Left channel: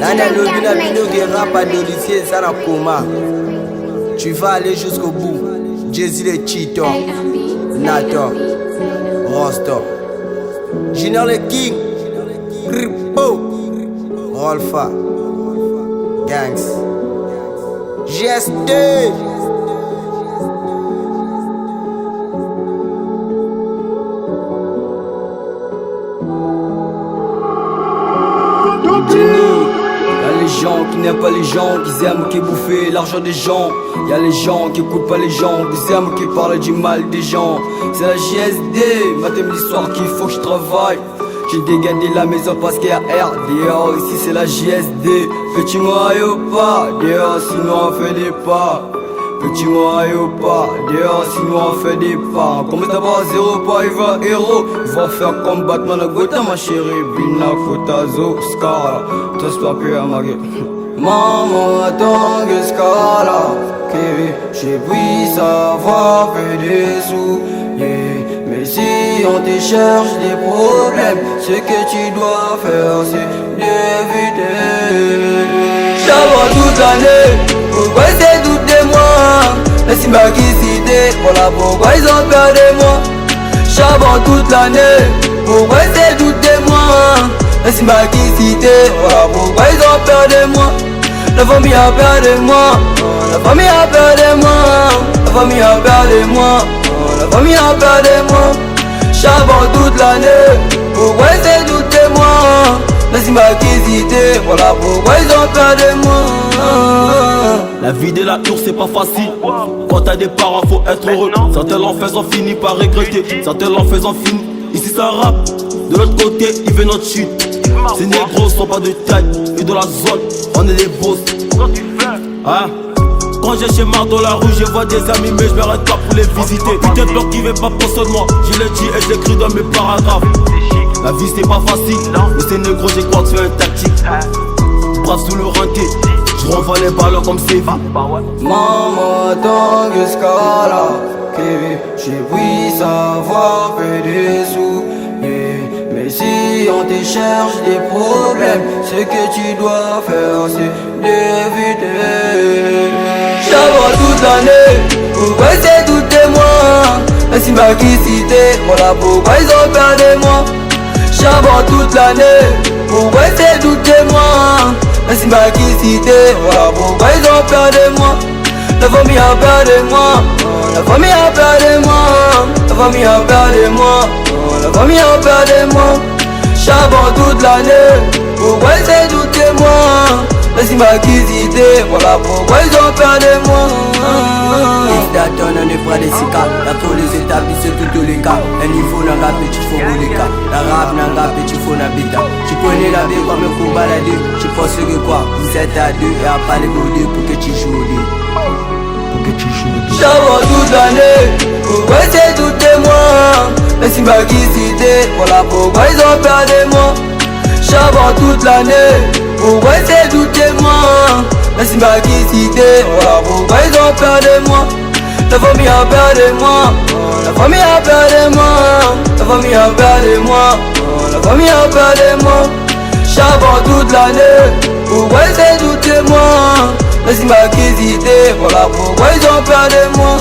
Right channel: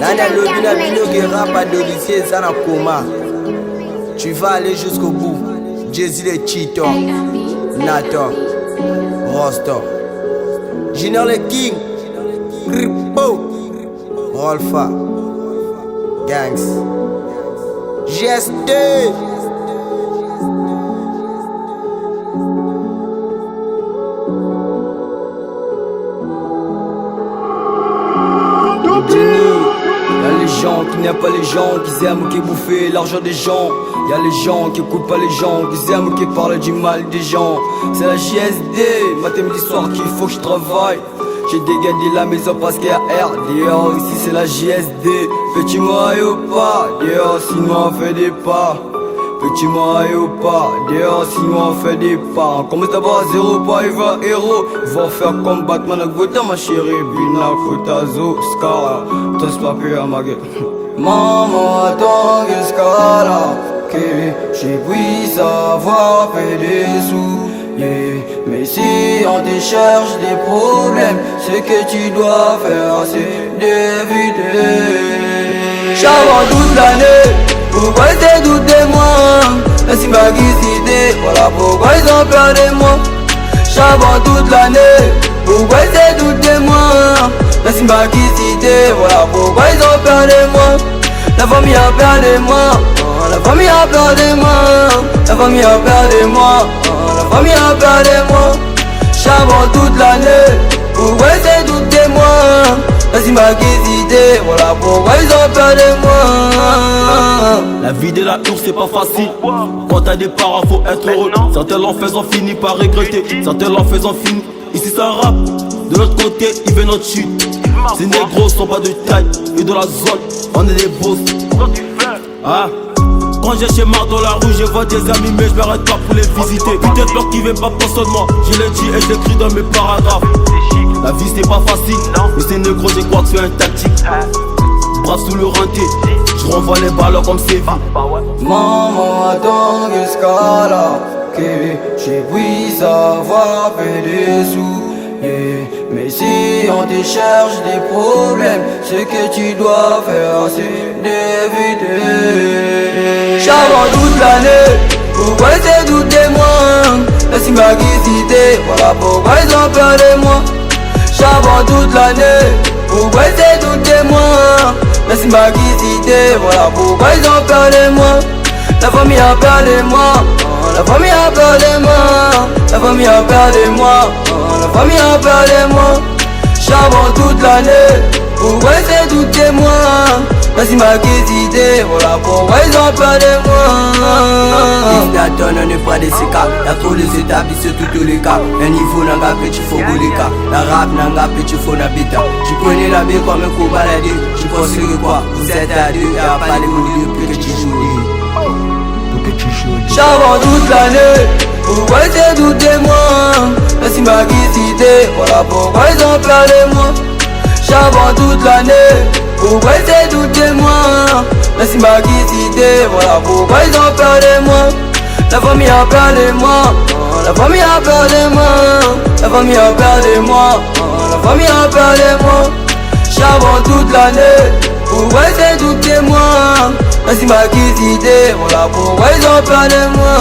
Nana Lobina Bino qui rappe à Dolicier, ça n'a coma. Tu vas aller jusqu'au bout. Jay-Z les Cheetos, Nato, Rosto, Junior le King, Ripo, Rolfa, Gangs, GSD. Y'a les gens qui n'aiment pas les gens, qui aiment qui bouffer l'argent des gens. Y'a les gens qui écoutent pas les gens, qui aiment qui parlent du mal des gens. C'est la JSD, matin midi soir qu'il faut que je travaille. J'ai dégagé la maison parce qu'il y a RDO. Ici c'est la JSD, petit moi ou pas, dehors sinon on fait des pas. Petit moi ou pas, dehors sinon on fait des pas. On commence d'abord à zéro, pas il va héros. Ils vont faire comme Batman à Gotham, ma chérie. Bina, Kotazo, Scala, tous papiers à ma gueule. Maman attend que Scala, que j'ai puisse avoir fait des sous. Yeah. Mais si on te cherche des problèmes, ce que tu dois faire c'est d'éviter. J'avance toute l'année, pourquoi c'est tout de moi? Merci ma cité, voilà pourquoi ils ont peur de moi. J'avance toute l'année, pourquoi c'est tout de moi? Merci ma cité, voilà pourquoi ils ont peur de moi. La famille a peur de moi, la famille a peur de moi, la famille a peur de moi, la famille a peur de moi. J'avance toute l'année, pourquoi c'est tout de moi? Merci ma cité, voilà pourquoi ils ont peur de moi. La vie de la tour c'est pas facile. Quand t'as des parents faut être heureux. Certains l'en faisant finit par regretter, certains l'en faisant finit. Ici ça rappe, de l'autre côté il veut notre chute. Ces négros sont pas de taille, et dans la zone on est des boss. Ah. Quand j'ai chez Mar dans la rue, je vois des amis mais je m'arrête pas pour les visiter. Putain de bloc qui veut pas penser de moi, je l'ai dit et je l'écris dans mes paragraphes. La vie c'est pas facile, mais ces négros je crois que c'est une tactique. Brave sous le renté, je renvoie les ballons comme c'est vie. Maman attend que Scala, que je puisse avoir fait des sous. Yeah. Mais si on te cherche des problèmes, ce que tu dois faire c'est d'éviter. J'avance toute l'année, pourquoi c'est tout de moi? Merci ma cité, voilà pourquoi ils ont peur de moi. J'avance toute l'année, pourquoi c'est tout de moi? Merci ma cité, voilà pourquoi ils ont peur de moi. La famille a peur de moi, la famille a peur de moi, la famille a peur de moi, la famille a peur de moi. J'avance toute l'année, pourquoi c'est tout de moi? Merci ma cité, voilà pourquoi ils ont peur de moi. Ils t'attendent, on est près des cicatres. Y'a trop les établissements, tous les cas. Un niveau n'a pas petit faux boulika. La rap n'a pas petit faux n'habita. Tu prenais la baie comme un coup baladé. Tu penses que quoi? Vous êtes à deux et à pas les goûter pour que tu joues. Pour que tu joues. J'avance toute l'année, pourquoi c'est tout de moi? Merci ma cité, voilà pourquoi ils ont peur de moi. J'avance toute l'année, pourquoi c'est tout de moi? Merci ma cité, voilà pourquoi ils ont peur de moi. La famille a peur de moi, la famille a peur de moi, la famille a peur de moi, la famille a peur de moi. J'avance toute l'année, pourquoi c'est tout de moi? Merci ma cité, voilà pourquoi ils ont peur de moi.